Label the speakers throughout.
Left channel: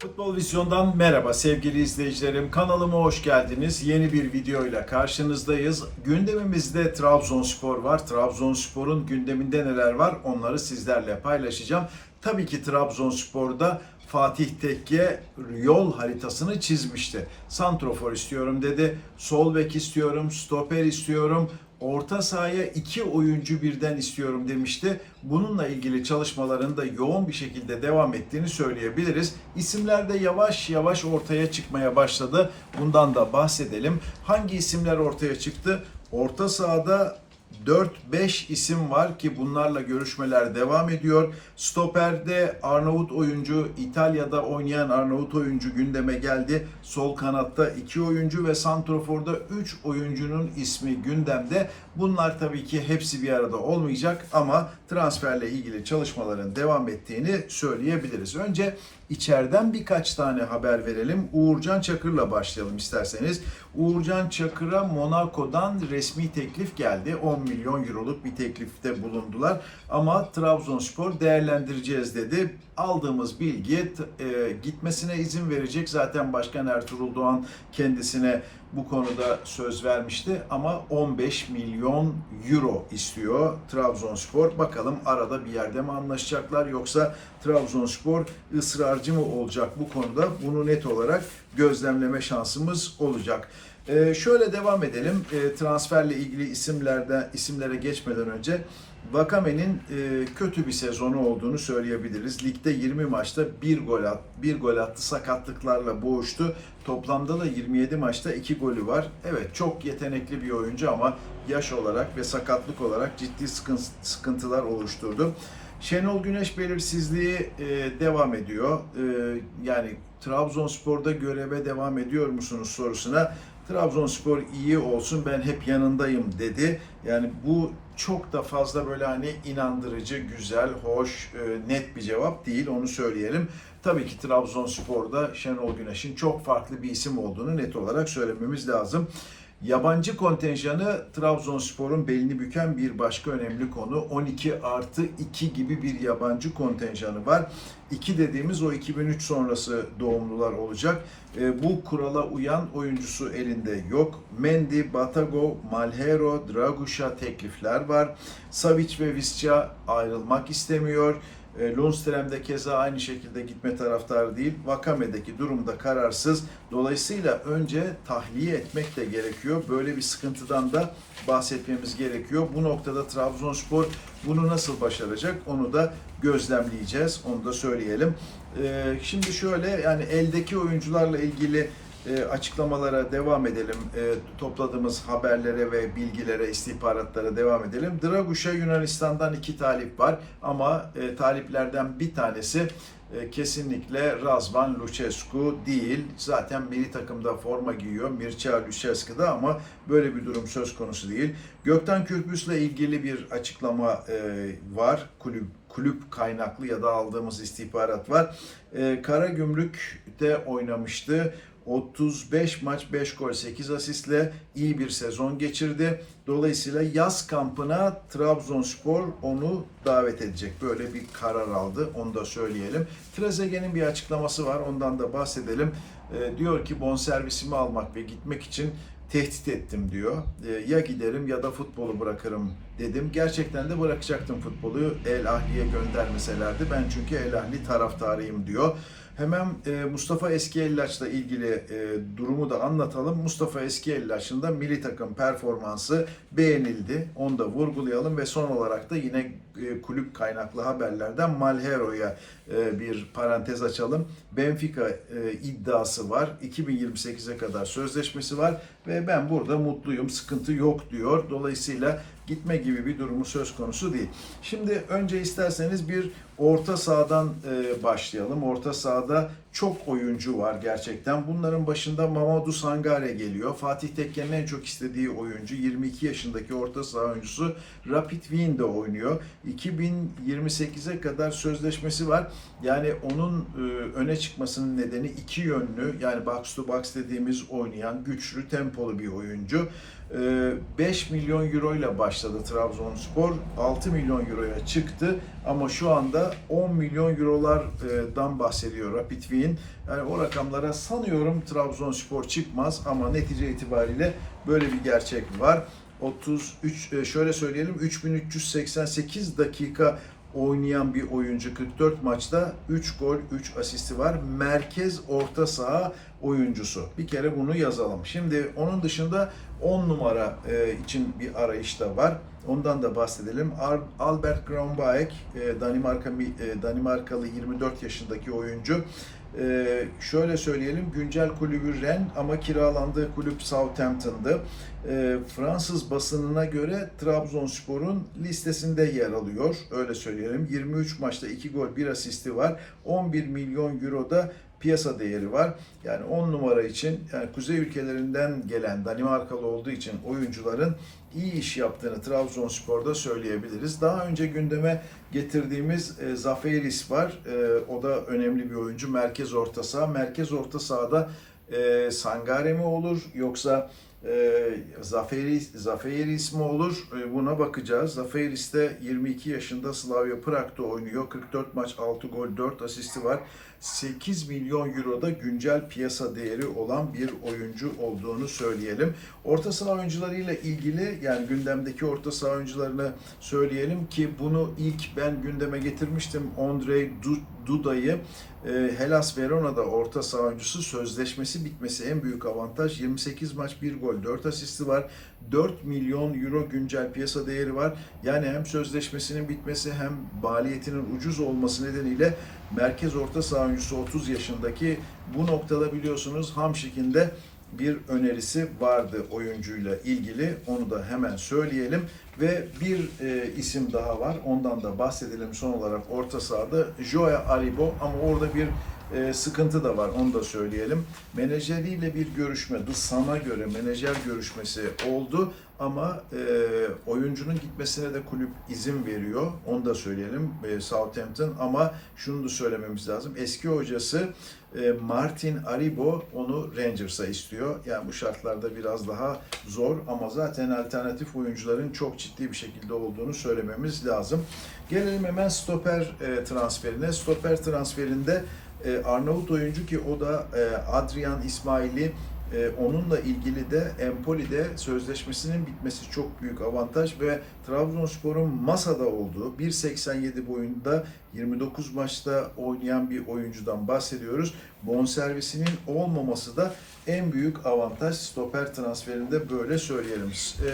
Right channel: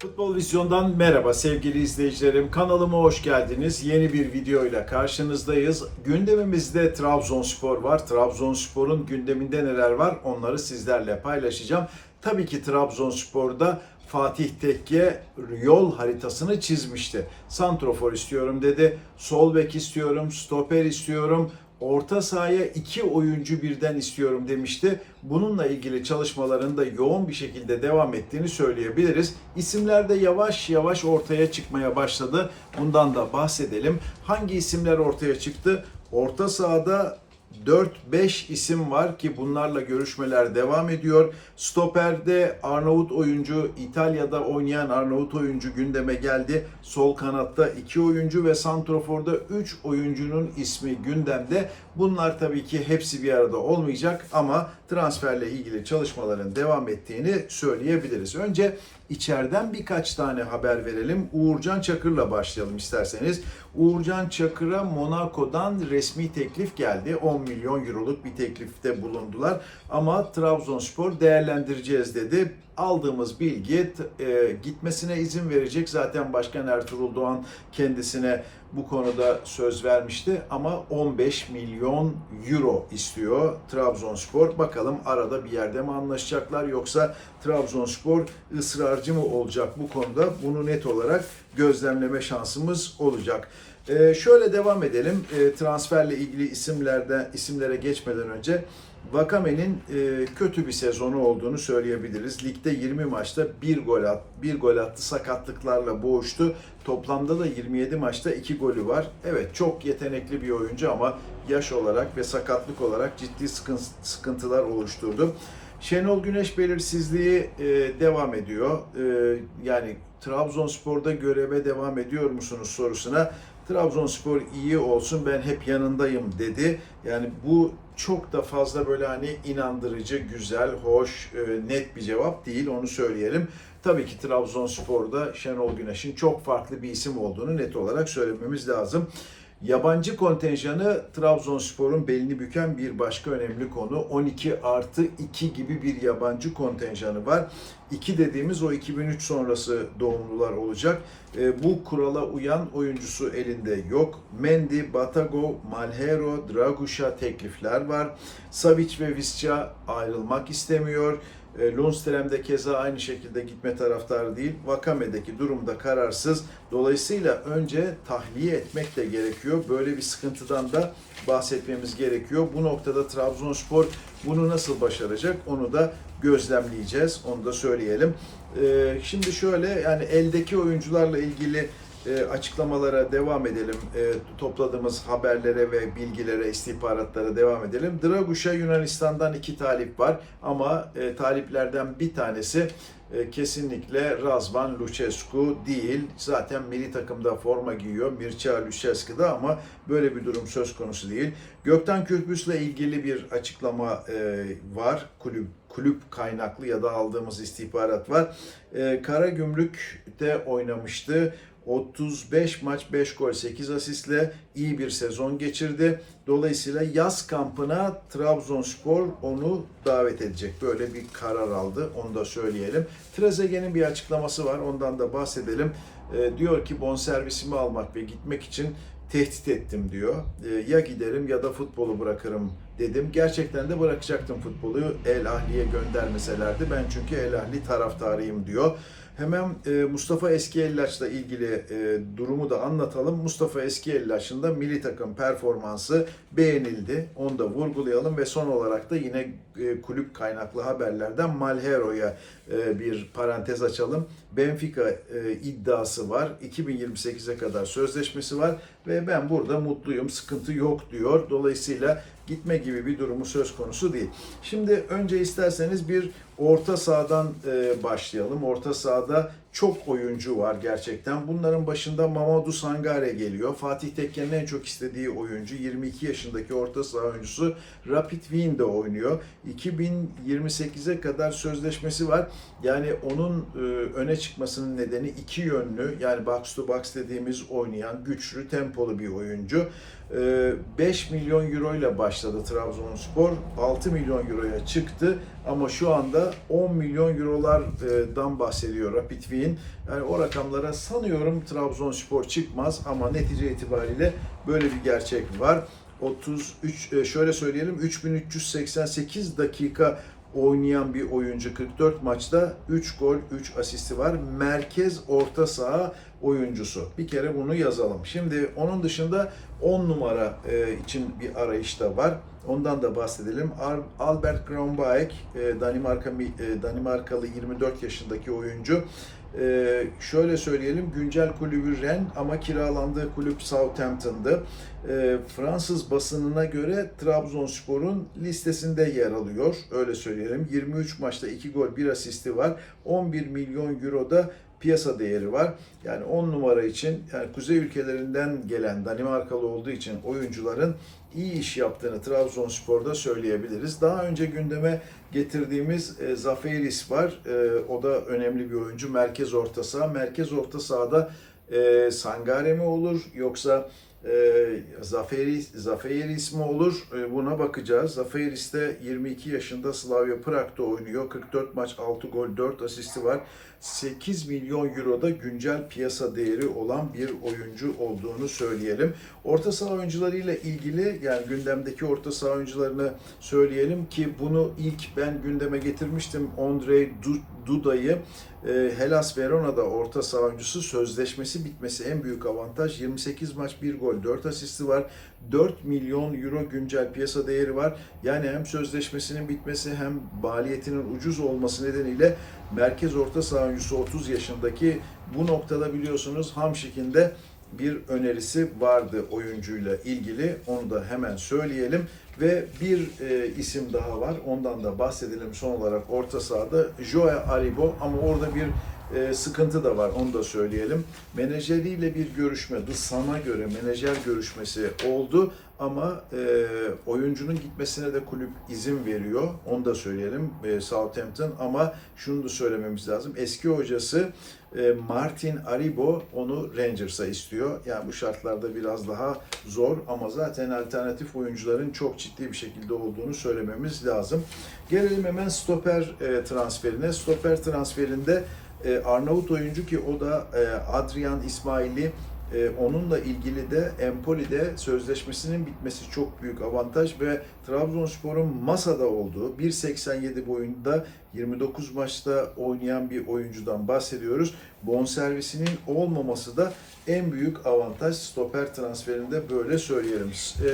Speaker 1: futbol vizyon
Speaker 2: Futbol Vizyon'dan merhaba sevgili izleyicilerim. Kanalıma hoş geldiniz. Yeni bir videoyla karşınızdayız. Gündemimizde Trabzonspor var. Trabzonspor'un gündeminde neler var onları sizlerle paylaşacağım. Tabii ki Trabzonspor'da Fatih Tekke yol haritasını çizmişti. Santrofor istiyorum dedi. Sol bek istiyorum, stoper istiyorum. Orta sahaya iki oyuncu birden istiyorum demişti. Bununla ilgili çalışmaların da yoğun bir şekilde devam ettiğini söyleyebiliriz. İsimler de yavaş yavaş ortaya çıkmaya başladı. Bundan da bahsedelim. Hangi isimler ortaya çıktı? Orta sahada 4-5 isim var ki bunlarla görüşmeler devam ediyor. Stoper'de Arnavut oyuncu, İtalya'da oynayan Arnavut oyuncu gündeme geldi. Sol kanatta 2 oyuncu ve Santrofor'da 3 oyuncunun ismi gündemde. Bunlar tabii ki hepsi bir arada olmayacak ama transferle ilgili çalışmaların devam ettiğini söyleyebiliriz. Önce içeriden birkaç tane haber verelim. Uğurcan Çakır'la başlayalım isterseniz. Uğurcan Çakır'a Monaco'dan resmi teklif geldi. 10 milyon euroluk bir teklifte bulundular. Ama Trabzonspor değerlendireceğiz dedi. Aldığımız bilgi e, gitmesine izin verecek. Zaten Başkan Ertuğrul Doğan kendisine bu konuda söz vermişti ama 15 milyon euro istiyor Trabzonspor. Bakalım arada bir yerde mi anlaşacaklar yoksa Trabzonspor ısrarcı mı olacak bu konuda? Bunu net olarak gözlemleme şansımız olacak. Ee, şöyle devam edelim. Ee, transferle ilgili isimlerde isimlere geçmeden önce Vakame'nin e, kötü bir sezonu olduğunu söyleyebiliriz. Ligde 20 maçta bir gol at, bir gol attı, sakatlıklarla boğuştu. Toplamda da 27 maçta 2 golü var. Evet çok yetenekli bir oyuncu ama yaş olarak ve sakatlık olarak ciddi sıkın- sıkıntılar oluşturdu. Şenol Güneş belirsizliği e, devam ediyor. E, yani Trabzonspor'da göreve devam ediyor musunuz sorusuna Trabzonspor iyi olsun ben hep yanındayım dedi. Yani bu çok da fazla böyle hani inandırıcı, güzel, hoş, e, net bir cevap değil onu söyleyelim. Tabii ki Trabzonspor'da Şenol Güneş'in çok farklı bir isim olduğunu net olarak söylememiz lazım. Yabancı kontenjanı Trabzonspor'un belini büken bir başka önemli konu. 12 artı 2 gibi bir yabancı kontenjanı var. 2 dediğimiz o 2003 sonrası doğumlular olacak. E, bu kurala uyan oyuncusu elinde yok. Mendy, Batago, Malhero, Draguş'a teklifler var. Savic ve Visca ayrılmak istemiyor. E, Lundström de keza aynı şekilde gitme taraftarı değil. Vakame'deki durumda kararsız. Dolayısıyla önce tahliye etmek de gerekiyor. Böyle bir sıkıntıdan da bahsetmemiz gerekiyor. Bu noktada Trabzonspor bunu nasıl başaracak onu da gözlemleyeceğiz. Onu da söyleyelim. E, Şimdi şöyle yani eldeki oyuncularla ilgili e, açıklamalara devam edelim. E, topladığımız haberlere ve bilgilere, istihbaratlara devam edelim. Draguş'a Yunanistan'dan iki talip var ama e, taliplerden bir tanesi e, kesinlikle Razvan Lucescu değil. Zaten milli takımda forma giyiyor Mircea Lucescu da ama böyle bir durum söz konusu değil. Gökten Kürpüs'le ilgili bir açıklama e, var. Kulüp kulüp kaynaklı ya da aldığımız istihbarat var. E, Karagümrük'te oynamıştı. 35 maç 5 gol 8 asistle iyi bir sezon geçirdi. Dolayısıyla yaz kampına Trabzonspor onu davet edecek. Böyle bir karar aldı. Onu da söyleyelim. Trezeguet'in bir açıklaması var. Ondan da bahsedelim. Ee, diyor ki bonservisimi almak ve gitmek için tehdit ettim diyor. Ee, ya giderim ya da futbolu bırakırım dedim. Gerçekten de bırakacaktım futbolu. El Ahli'ye göndermeselerdi. Ben çünkü El Ahli taraftarıyım diyor. Hemen e, Mustafa Eskiyellaç'la ilgili e, durumu da anlatalım. Mustafa Eskiyellaç'ın da milli takım performansı beğenildi. Onu da vurgulayalım ve son olarak da yine e, kulüp kaynaklı haberlerden Malhero'ya e, bir parantez açalım. Benfica e, iddiası var. 2028'e kadar sözleşmesi var ve ben burada mutluyum, sıkıntı yok diyor. Dolayısıyla gitme gibi bir durumu söz konusu değil. Şimdi önce isterseniz bir orta sahadan e, başlayalım. Orta sahada çok oyuncu var gerçekten. Bunların başında Mamadou Sangare geliyor. Fatih Tekke'nin en çok istediği oyuncu. 22 yaşındaki orta saha oyuncusu Rapid Wien'de oynuyor. 2028'e kadar sözleşmesi var. Yani onun e, öne çıkmasının nedeni iki yönlü. Yani box to box dediğimiz oynayan güçlü, tempolu bir oyuncu. E, 5 milyon euro ile başladı Trabzonspor. 6 milyon euroya çıktı ama şu anda 10 milyon eurolardan bahsediyor Rapid Wien. Yani o rakamlara sanıyorum Trabzonspor çıkmaz ama netice itibariyle böyle bir gerçek var. 33 e, şöyle söyleyelim 3388 dakika oynayan bir oyuncu 44 maçta 3 gol 3 asisti var. Merkez orta saha oyuncusu. Bir kere bunu yazalım. Şimdi onun dışında 10 numara e, için bir arayış da var. Ondan da bahsedelim. Albert Grönbeek, e, Danimarka e, Danimarkalı 24 yaşındaki oyuncu. E, şöyle söyleyelim, güncel kulübü Rennes ama kiralandığı kulüp Southampton'dı. E, Fransız basınına göre Trabzonspor'un listesinde yer alıyor. Öyle söyleyelim. 23 maçta 2 gol 1 asisti var. 11 milyon euroda piyasa değeri var. Yani 10 numara için yani kuzey ülkelerinden gelen Danimarkalı olduğu için oyuncuların iyi iş yaptığını Trabzonspor'da söyleyebiliriz. Daha önce gündeme getirdiğimiz e, Zaferis var. E, o da önemli bir oyuncu. Merkez orta saha. Merkez orta sahada e, Sangare mi olur yoksa e, Zaferis, Zaferis mi olur? E, buna bakacağız. Zaferis de 22 yaşında Slavia Prag'da oynuyor. 44 maç, 6 gol, 4 asisti var. 8 milyon euroda güncel piyasa değeri olan bir oyuncu olduğunu söyleyelim. Orta saha oyuncularıyla ilgili yani gündemdeki orta saha oyuncularını söyleyelim ki bunu ilk ben gündeme getirmiştim. Andrei Du- Duda'yı e, Hellas Verona'da orta saha oyuncusu sözleşmesi bitmesi en büyük avantaj. 28 maç 1 gol 4 asisti var. 4 milyon euro güncel piyasa değeri var. Yani hem sözleşmesinin bitmesi hem maliyetinin ucuz olması nedeniyle merkez orta saha oyuncusu 30 yaşındaki bu noktada biliyorsunuz Hamşik'in de bir önerisi vardı oyuncuyla ilgili. Onu da hemen söyleyelim. Ve bir e, isim daha var. Ondan da bahsedelim son olarak orta sahada. Joe Aribo ama orada bir e, sıkıntı da var. Onu da söyleyelim. Menajeriyle bir görüşme, The Sun'a göre menajer görüşmesi oldu ama e, oyuncunun gitmesine de kulüp izin veriyor. Onu da söyleyelim e, Southampton ama şunu da söylememiz lazım. Eski hocası e, Martin Aribo onu Rangers'a istiyor. Yani bu şartlarda biraz daha zor ama zaten alternatif oyuncuların çok ciddi bir şekilde olduğunu söylememiz lazım. Gelelim hemen stoper e, transferine. Stoper transferinde e, Arnavut oyuncu ki o da e, Adrian İsmail'i e, onunla ilgili de Empoli'de sözleşmesinin bitmesi çok büyük avantaj ve Trabzonspor'un masada olduğu 1.87 boyunda 29 maçta oynayan bir oyuncudan bahsediyoruz. Bonservisinin olmaması da en büyük avantaj stoper transferinde böyle söyleyelim. E,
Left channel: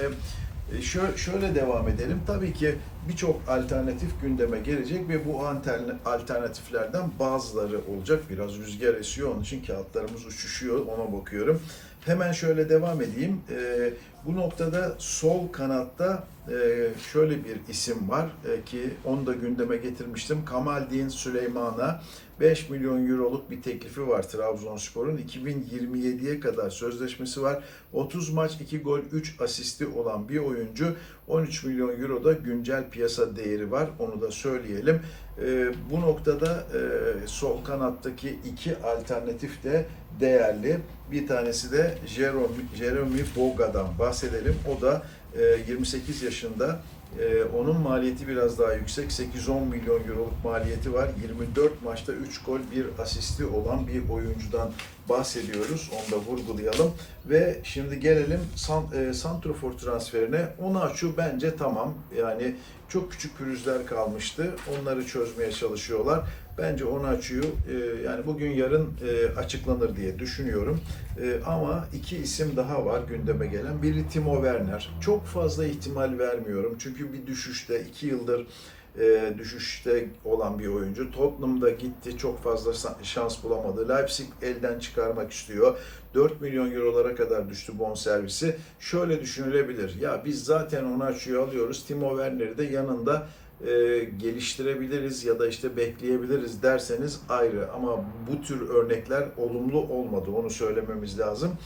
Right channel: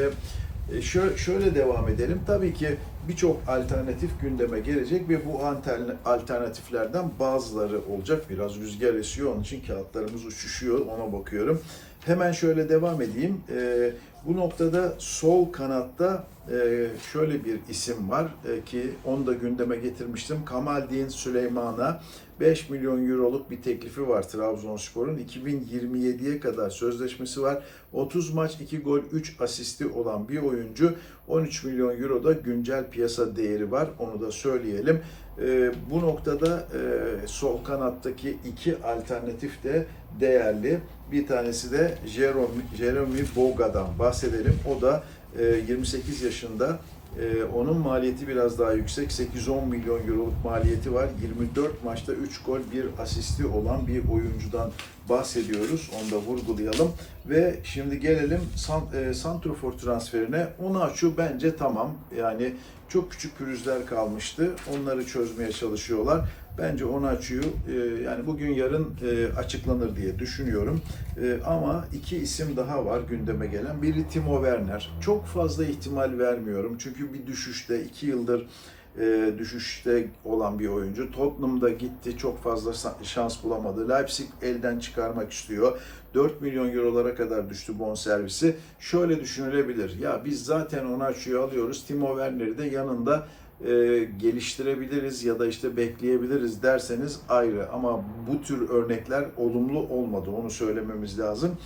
Speaker 2: şöyle devam edelim. Tabii ki birçok alternatif gündeme gelecek ve bu altern- alternatiflerden bazıları olacak. Biraz rüzgar esiyor onun için kağıtlarımız uçuşuyor ona bakıyorum. Hemen şöyle devam edeyim. E, bu noktada sol kanatta e, şöyle bir isim var e, ki onu da gündeme getirmiştim. Kamaldin Süleyman'a 5 milyon euroluk bir teklifi var Trabzonspor'un. 2027'ye kadar sözleşmesi var. 30 maç 2 gol 3 asisti olan bir oyuncu. 13 milyon euro da güncel piyasa değeri var. Onu da söyleyelim. E, bu noktada e, sol kanattaki iki alternatif de değerli. Bir tanesi de Jeremy, Boga'dan bahsedelim. O da 28 yaşında. E, onun maliyeti biraz daha yüksek. 8-10 milyon euroluk maliyeti var. 24 maçta 3 gol 1 asisti olan bir oyuncudan bahsediyoruz. Onu da vurgulayalım. Ve şimdi gelelim e, Santrofor transferine. Onaçu bence tamam. Yani çok küçük pürüzler kalmıştı. Onları çözmeye çalışıyorlar. Bence Onaçu'yu e, yani bugün yarın e, açıklanır diye düşünüyorum. E, ama iki isim daha var gündeme gelen. Biri Timo Werner. Çok fazla ihtimal vermiyorum. Çünkü bir düşüşte iki yıldır e, düşüşte olan bir oyuncu. Tottenham'da gitti çok fazla şans bulamadı. Leipzig elden çıkarmak istiyor. 4 milyon eurolara kadar düştü bonservisi. Şöyle düşünülebilir. Ya biz zaten Onaçu'yu alıyoruz. Timo Werner'i de yanında e, geliştirebiliriz ya da işte bekleyebiliriz derseniz ayrı. Ama bu tür örnekler olumlu olmadı. Onu söylememiz lazım.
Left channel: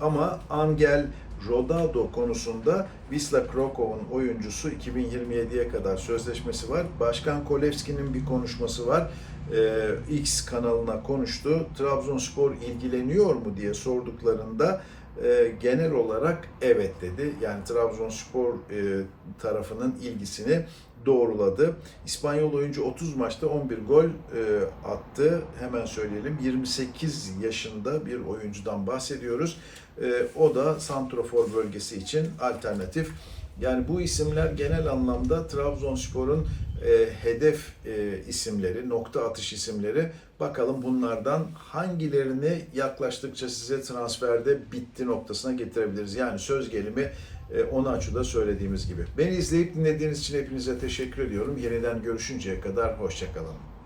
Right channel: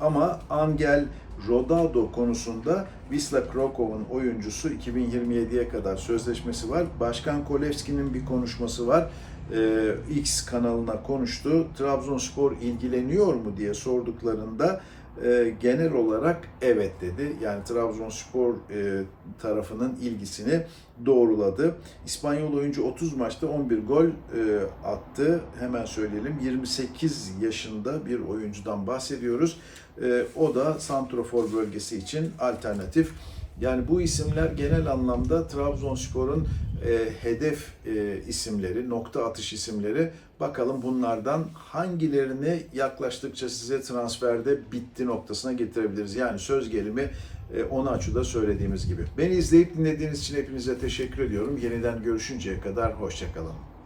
Speaker 2: Ama Angel Rodado konusunda Wisla Krakow'un oyuncusu 2027'ye kadar sözleşmesi var. Başkan Kolevski'nin bir konuşması var. Ee, X kanalına konuştu. Trabzonspor ilgileniyor mu diye sorduklarında e, genel olarak evet dedi. Yani Trabzonspor e, tarafının ilgisini doğruladı. İspanyol oyuncu 30 maçta 11 gol e, attı. Hemen söyleyelim 28 yaşında bir oyuncudan bahsediyoruz. E, o da santrofor bölgesi için alternatif. Yani bu isimler genel anlamda Trabzonspor'un e, hedef e, isimleri, nokta atış isimleri. Bakalım bunlardan hangilerini yaklaştıkça size transferde bitti noktasına getirebiliriz. Yani söz gelimi e, onu açıda söylediğimiz gibi. Beni izleyip dinlediğiniz için hepinize teşekkür ediyorum. Yeniden görüşünceye kadar hoşçakalın.